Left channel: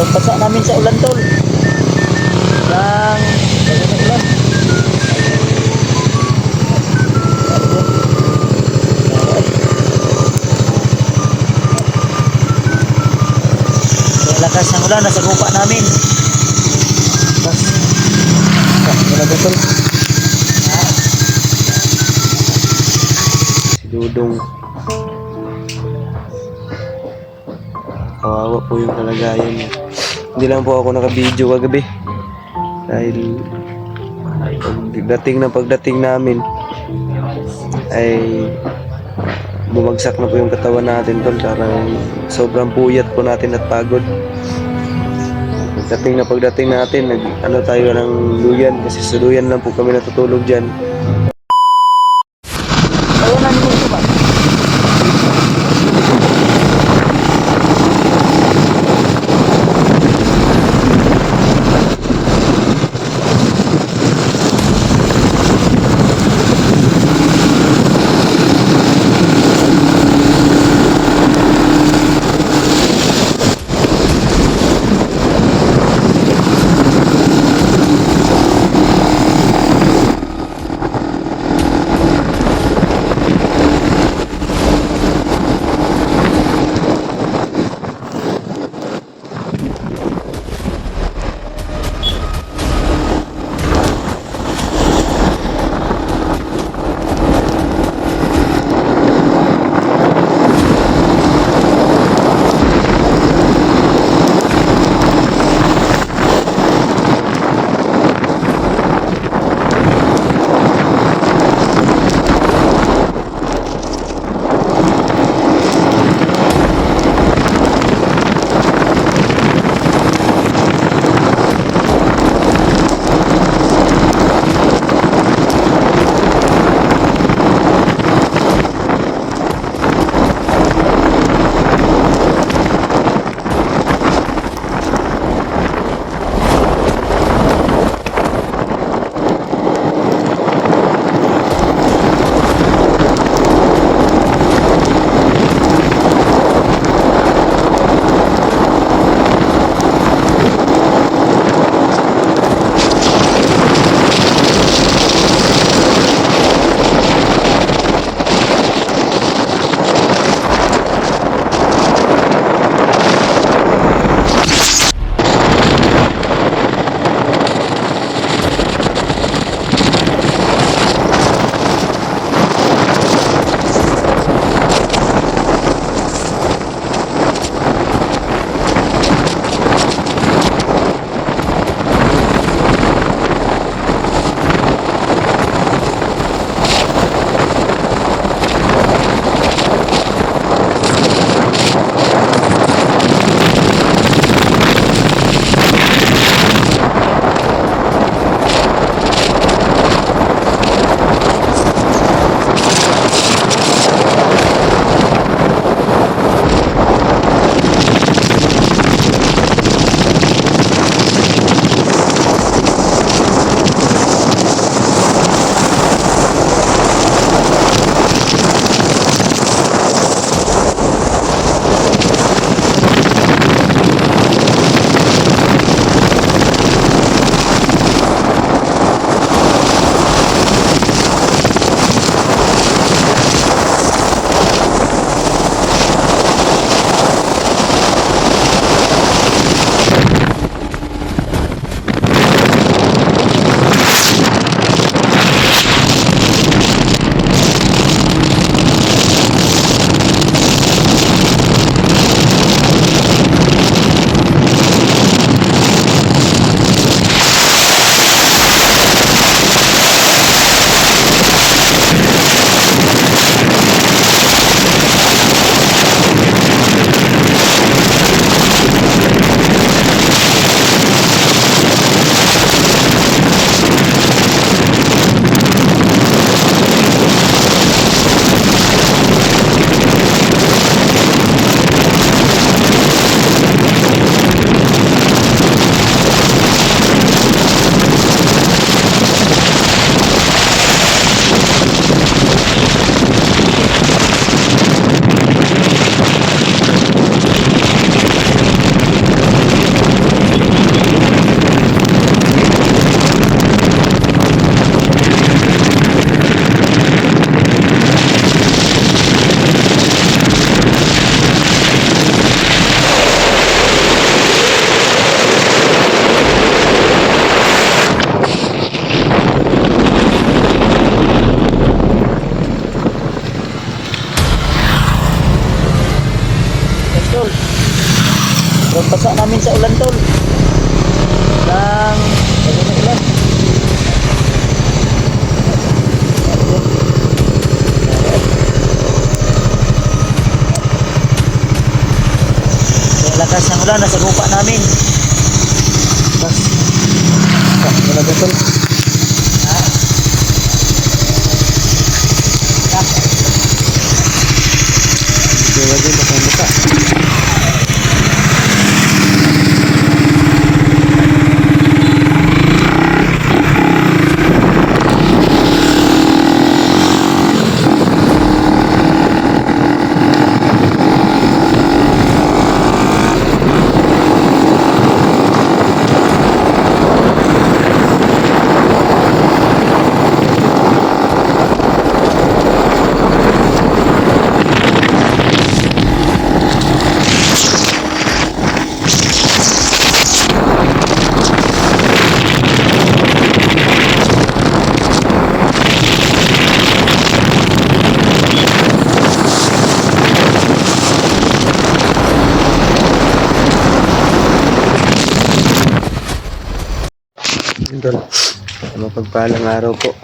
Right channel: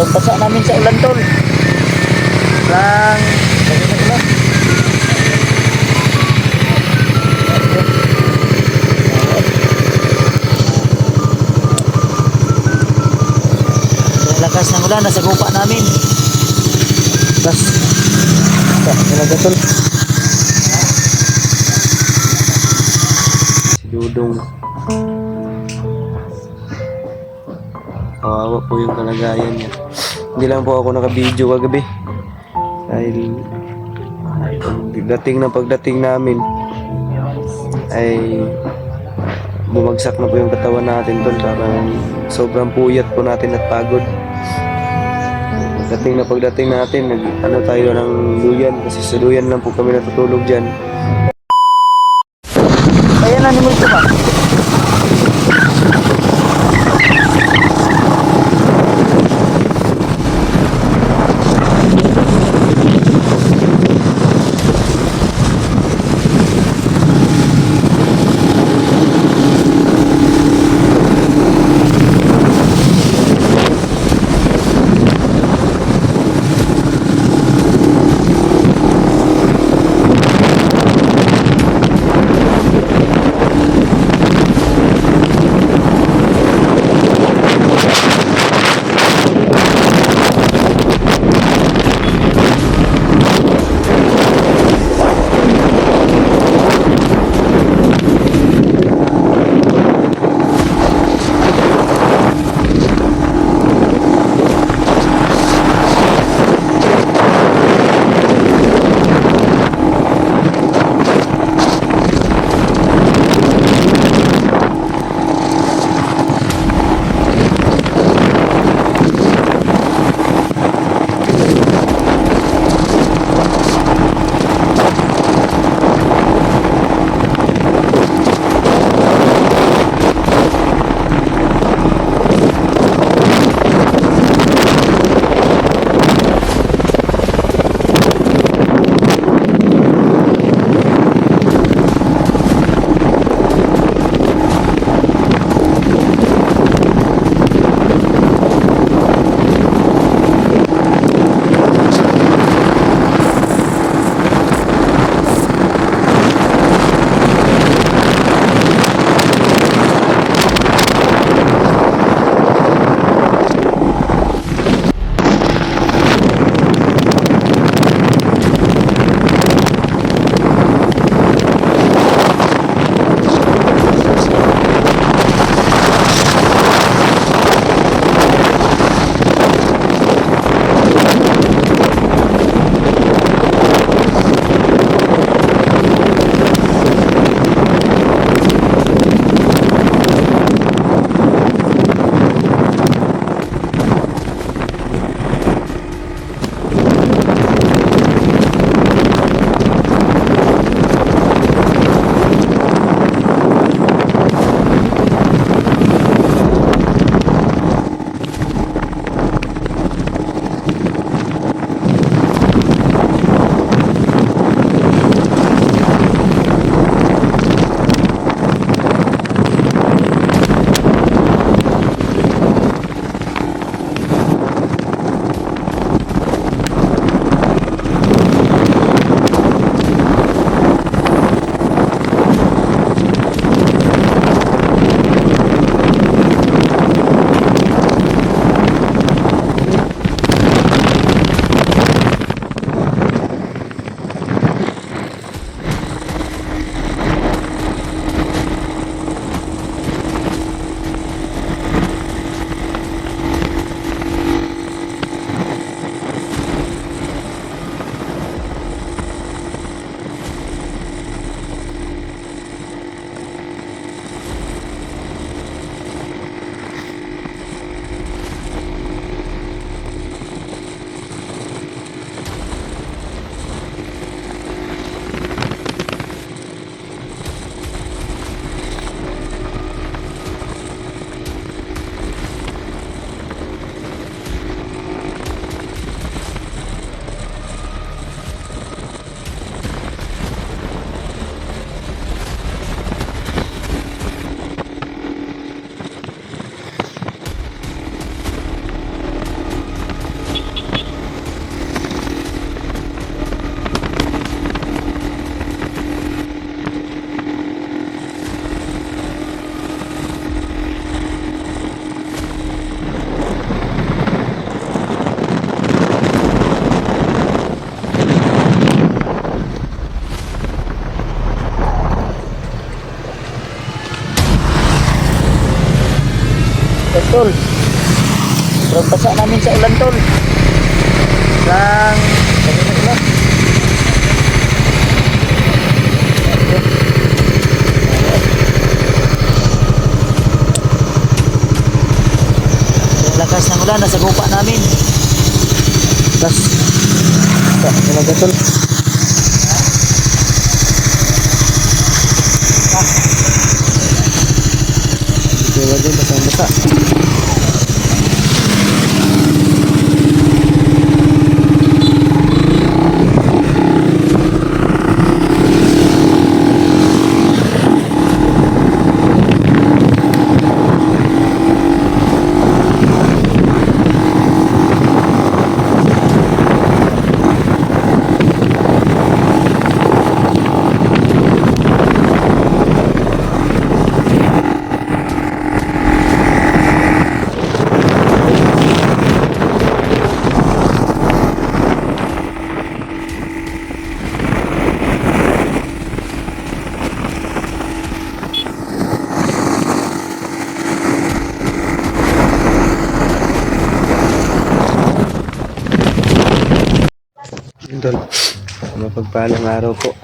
Basa namin sa ulan tol. Lang lagi na ulan. Ang lakas ng ulan nasa gupa namin. Bas. Talaga tol. Si Dudong. Kawawa po yung kalagayan niya. Hindi lang po ako naka-video kagabi. Dahil pagdating namin ay bumagsak na po yung katawan natin tol. Parang sobrang puyat po natin at pagod. Pagdating natin, tayo ng luyan kasi sa luyan lang po kami natutulog dyan. Ayan na ninyo ba? Sobrang basa namin sa ulan tol. Lang sabi na ulan. Yung lakas ng ulan nasa lupa namin. Plus ano ba tol? Kaya din basa-basa. Idol, mapagpalang araw po.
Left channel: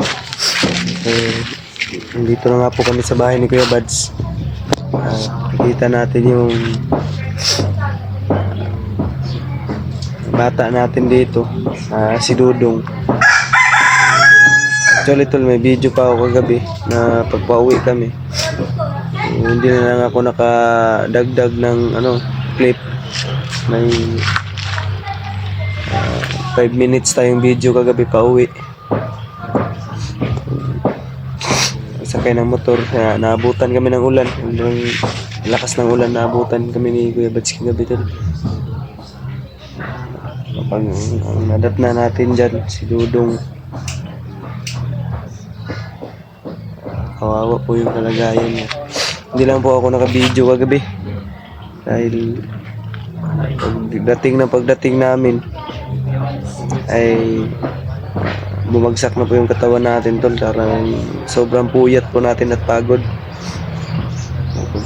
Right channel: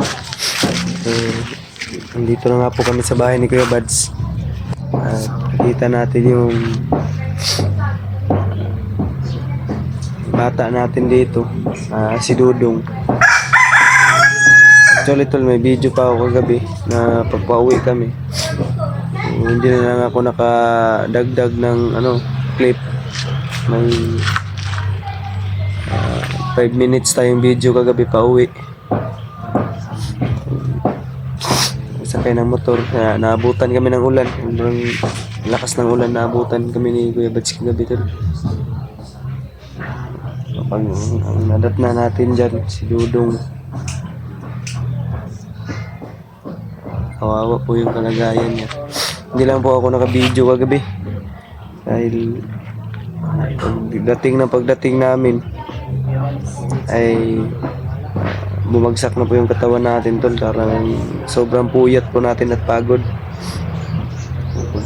Nandito na nga po kami sa bahay ni Kuya Bads. Kita natin yung bata natin dito, si Dudong. Actually tol, may video pa ako kagabi na pagpauwi kami. Hindi na lang ako nakadagdag ng clip. May 5 minutes tayong video kagabi pa uwi. Sakay ng motor, naabutan kami ng ulan. Sobrang lakas ng ulan, naabutan kami ni Kuya Bads kagabi tol. Ang nadat na natin dyan, si Dudong. Kawawa po yung kalagayan niya. Hindi lang po ako naka-video kagabi. Dahil pagdating namin ay bumagsak na po yung katawan natin tol. Sobrang puyat po natin at pagod.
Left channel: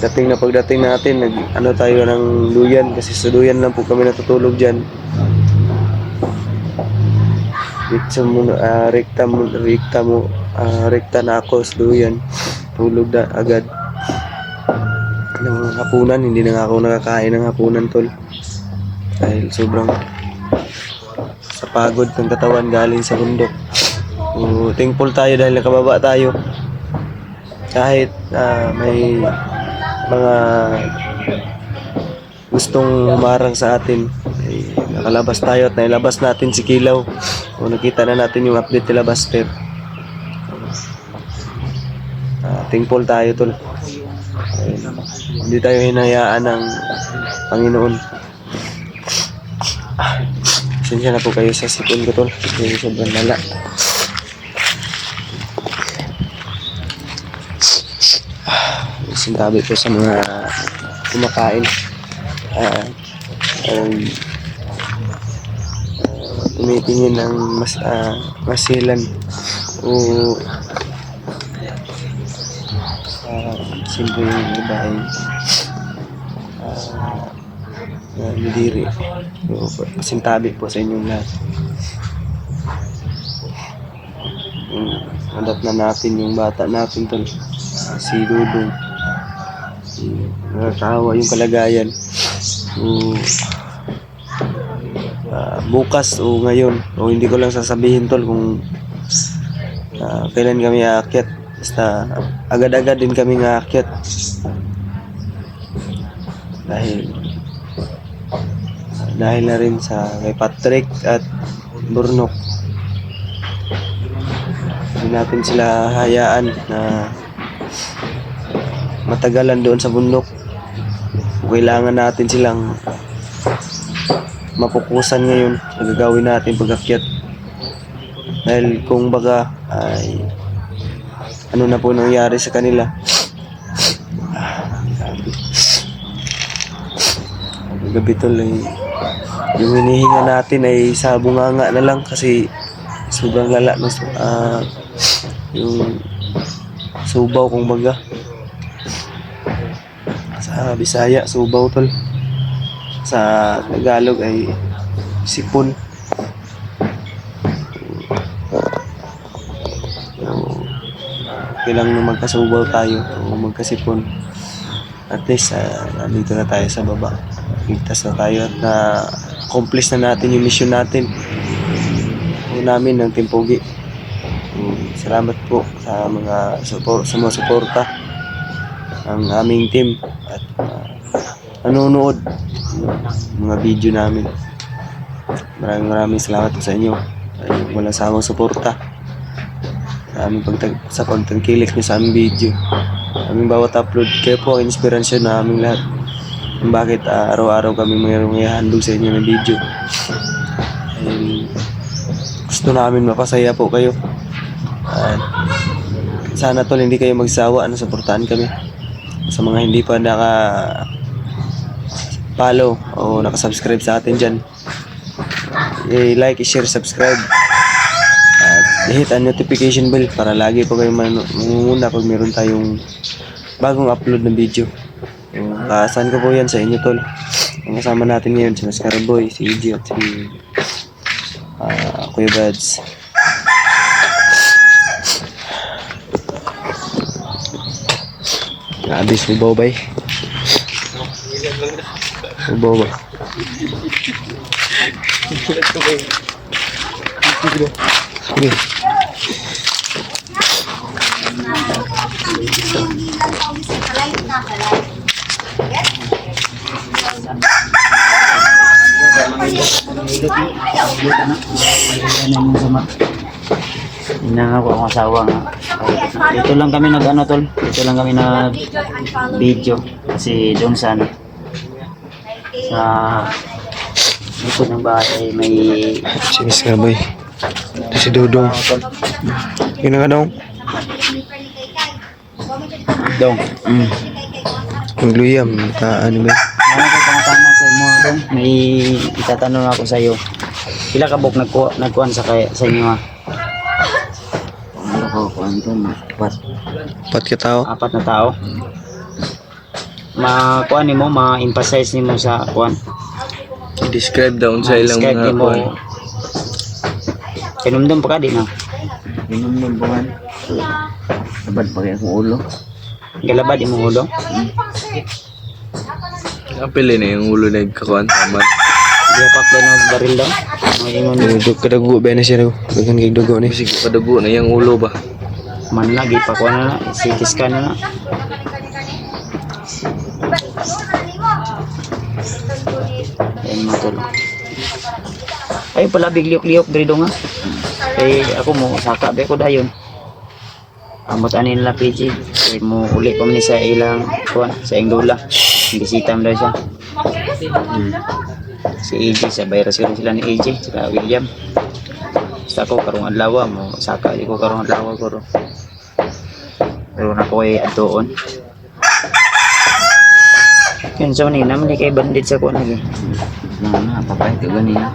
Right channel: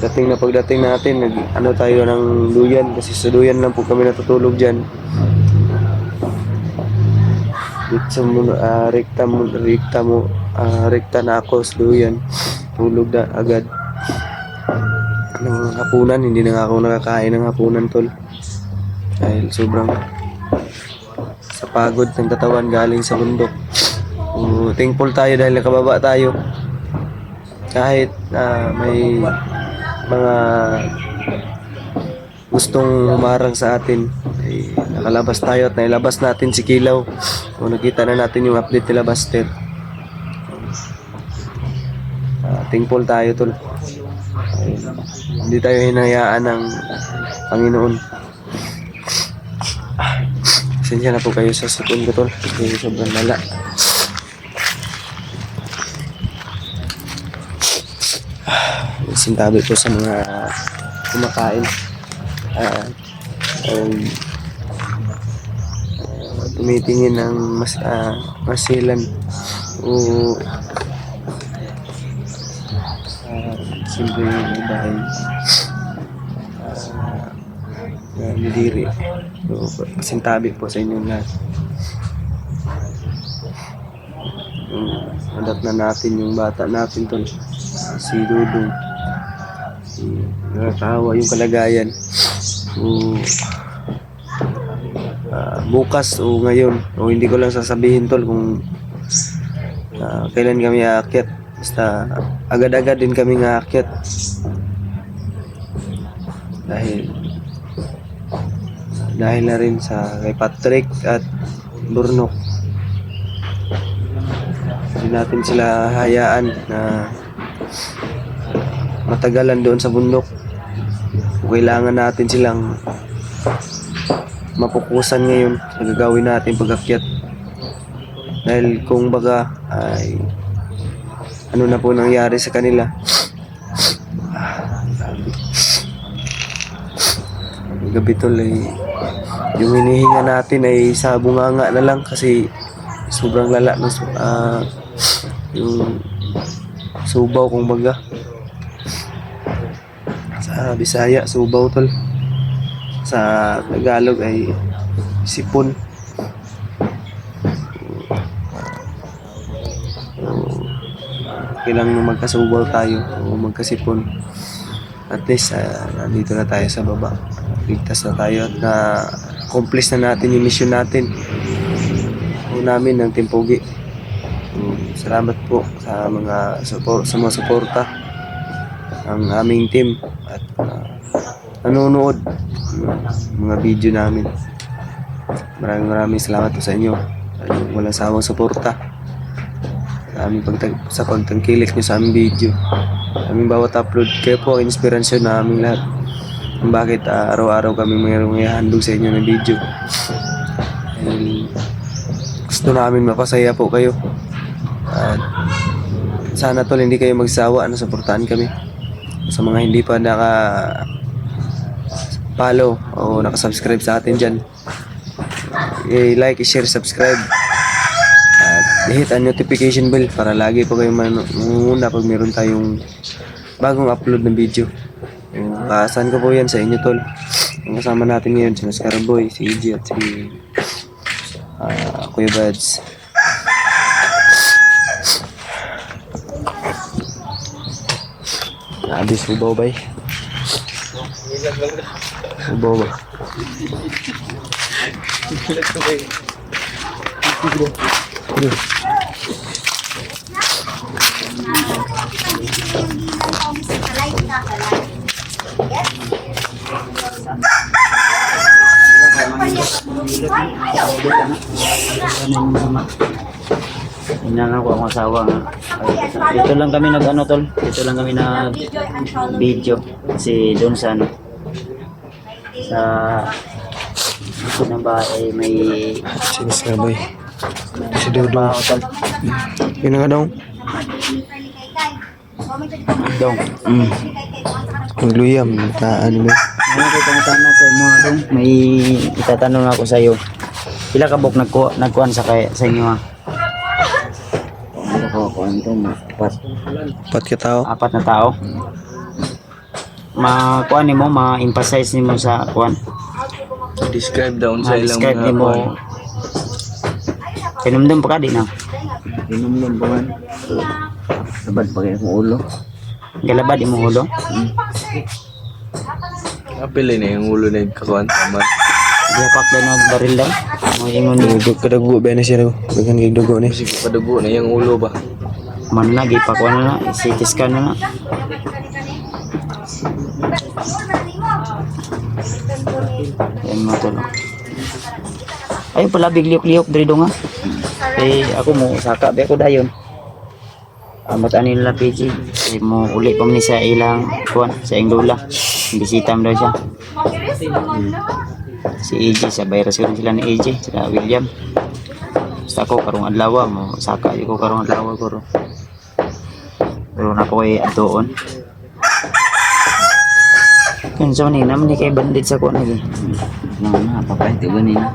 Pagdating natin tayo ng duyan, kasi sa duyan lang po kami natutulog dyan. Rekta na ako sa duyan, tulog na agad ng hapunan. Hindi na ako nakakain ng hapunan tol, dahil sobrang sa pagod ng katawan galing sa bundok. Thankful tayo dahil nakababa tayo. Kahit may mga gustong humarang sa atin, ay nakalabas tayo at nailabas natin si Kilaw. Nakita na natin yung update nila Buster. Thankful tayo tol. Hindi tayo hinayaan ng Panginoon. Pasensya na po kayo sa sipon ko tol, kasi sobrang lala. Sintabi po sa mga kumakain. Tumitingin ng masilan o simple yung iba ay niliri. So, pasintabi po sa inyong lahat. Adat na natin yung bata natin tol, si Dudong. Nakakahawa yung kalagayan. So, bukas o ngayon, o hindi ko lang sasabihin tol kung kailan kami aakyat. Basta agad-agad din kami aakyat. Dahil na rin sa kay Patrick at Burnok. Hindi natin sila hayaan na matagalan doon sa bundok. Kailangan natin silang mapukusan ngayon sa gagawin natin pag-akyat. Dahil kung baga ay ano na po nangyari sa kanila. Gabi tol ay yung hinihinga natin ay sa bunganga na lang, kasi sobrang lala ng yung subaw kung baga sa Bisaya, subaw tol. Sa Tagalog ay sipon. Kailang magkasubaw tayo o magkasipon. At least nandito na tayo sa baba. Ligtas na tayo at na-accomplish na natin yung mission natin. O namin ng Team Pogi. Salamat po sa mga suporta ang aming team at nanonood ng mga video namin. Maraming salamat po sa inyo. Ay, walang sawang suporta sa aming sa pagtangkilik nyo sa aming video. Aming bawat upload, kayo po ang inspirasyon na aming lahat. Kung bakit araw-araw kami mayroong ihandog sa inyo ng video. Ay, gusto namin mapasaya po kayo. At sana tol hindi kayo magsawa na suportahan kami. Sa mga hindi pa follow o nakasubscribe sa atin dyan, i-like, i-share, subscribe at i-hit ang notification bell para lagi po kayong mangunguna pag meron tayong bagong upload ng video. Kaasahan ko po yan sa inyo tol. Ang kasama natin ngayon si Mascara Boy, si EJ at si Kuya Bads. Abis ubaw bay. Ubaw ba? Sige. Inang ako ang asawa nga. Dito lang kami nag ano tol. Dito lang kami nag video. Kasi doon sa ano. Sa likod ng bahay may Si Mascara Boy. Si Dodong. Yun na nga daw. dong. Magluyam. Ano ba? Ano ko pangutana sa imo dong? May itatanong ako sa iyo. Pila ka bok nagkuan sa inyo ha? Ano ko kuan Pat ka tao. 4 na tao. Ma-kuan nimo, ma-emphasize nimo sa kuan. Describe down sa ilang Describe nimo. Tinumdum pa ka din ha? Inom ba man? Sabad pa kaya akong ulo. Galabad imong ulo. Apil na yung ulo na kakuan. Tama. Dia pakai na baril daw. May imong Kadago ba na siya daw? Bagan kay dugo ni. Sige kadago na yung ulo ba? man lagi pa kuan na CT scan na. Ayun mo tol. Ay pala bigliok-liok diri do nga. Kay ako mo saka be ko dayon. Amot ani nila PG. Kay mo uli pa man ni sa ilang kuan sa ing lola. Bisita mo daw siya. Si AJ sa virus sila ni AJ sila William. Basta ko karong adlaw mo saka di ko karong adlaw ko. Pero na ko ay atoon. Kanso ni naman di kay bandit sa kuan lagi. Na papay ito ganina.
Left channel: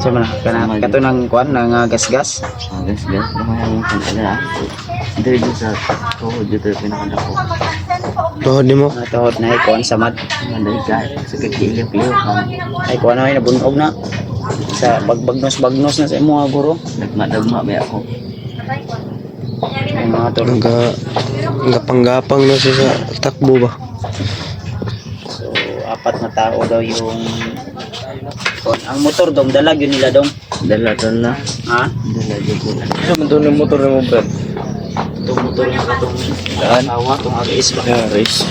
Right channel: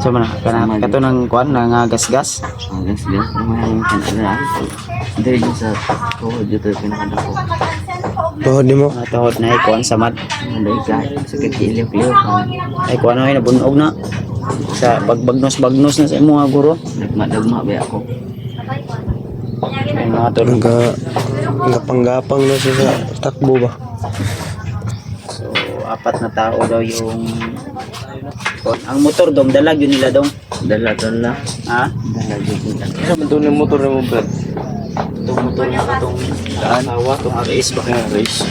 So man kana kato nang kuan nang gasgas. Gas. Lumaya mong kanala. Dito sa tuhod dito pinakadako. Tuhod ni mo. Tuhod na kuan sa mad. Manday ka. Sa kagiliw-liw. Ay kuan na nabunog na. Sa bagbagnos na sa imo nga guro. Nagmadagma ba ako? Ay mga tol. Gapang-gapang na siya sa takbo ba? So 4 na tao daw yung kuan. Ang motor dong dalag yun nila dong. Dala na. Ha? Dala dito. Ano man yung motor mo ba? Itong motor nga katong awa, itong ABS ba? Guys.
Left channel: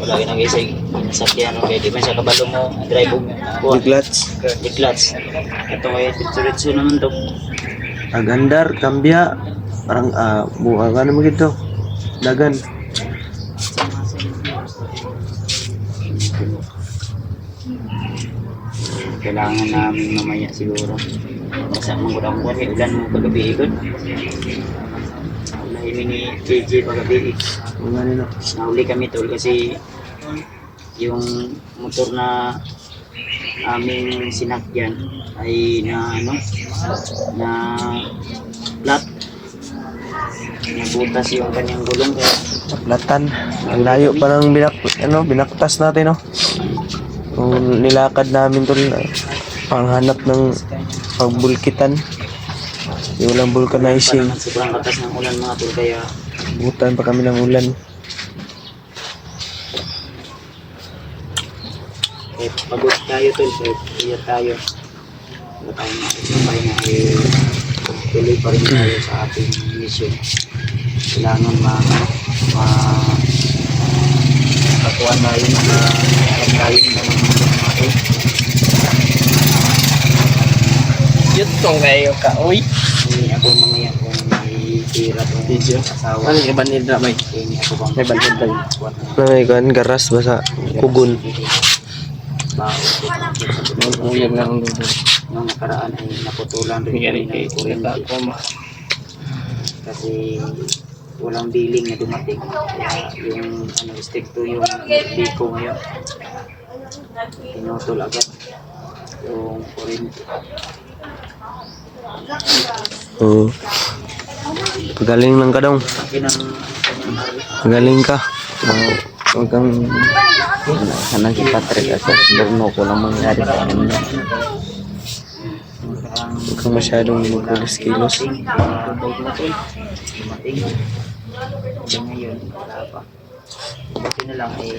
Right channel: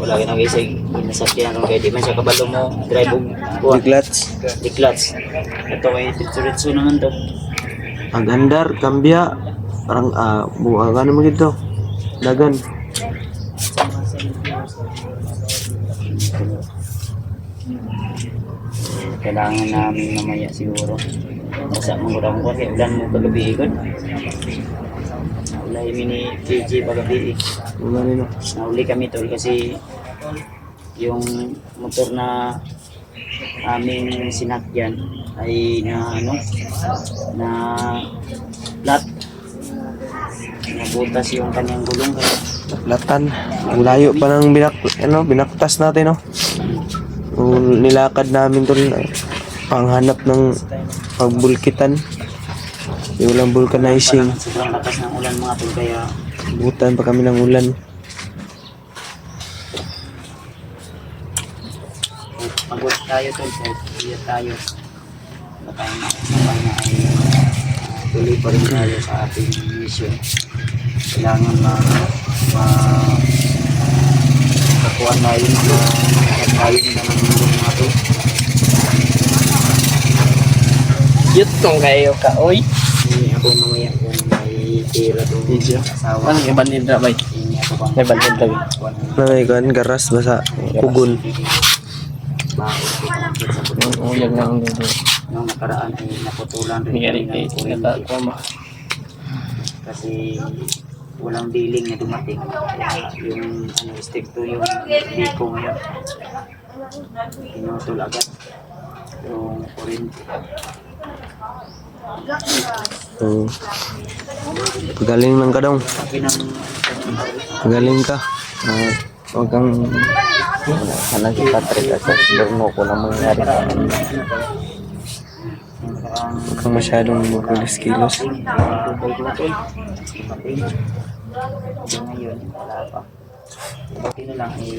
Wala ka nag-isa pinasakyan kaya di man siya kabalo mo drive mo Diglats. Diglats. Ito may ditsuritsu naman to. Agandar, kambya. Parang buka ka naman gito. Dagan. Kailangan namin mamaya siguro. Basta mong kurang kuwan, ulan mo kagabi ikon. Wala ini ni KJ pagabi. Kung ganun no. Nahuli kami tol kasi yung motor na aming sinakyan ay na ano na flat nabutas yung kanyang gulong kaya Platan. Ang layo pa ng binaktas natin, no? Yung nilakad namin tol, panghanap ng pagbulkitan. Yung walang vulcanizing. Sobrang lakas ng ulan mga tol, kaya Butan pa kami ng ulan. kahit pagod tayo tol, kahit iya tayo, tayo tuloy pa rin tayo sa ating mission. Kailangan kakuha tayo tayo ng mga Yut kong kayo ka, oy. ini ako mamaya kung may tira tong asawa. Ano yung banid na may? Ini ako bang May banid na. Nangyaykan, garas basa, kugon. baon ko sa bundok. Uyag na ang dulo. Nung nakaraan ay naputulan rin kami ng kuryente kasi walang billing na dumating, kaya yung step 2 yung biko ngayon pinutol agad yung kuryente. Oo. Pagaling lang ka daw. Sabi ng Pagaling ka. Huwag kang... Sana si Patrick at sa Berno ko lang mangyari sa amin. Huwag kang masyadong magkulis-kilos. dumating ngayon wala pa. Buti na lang ay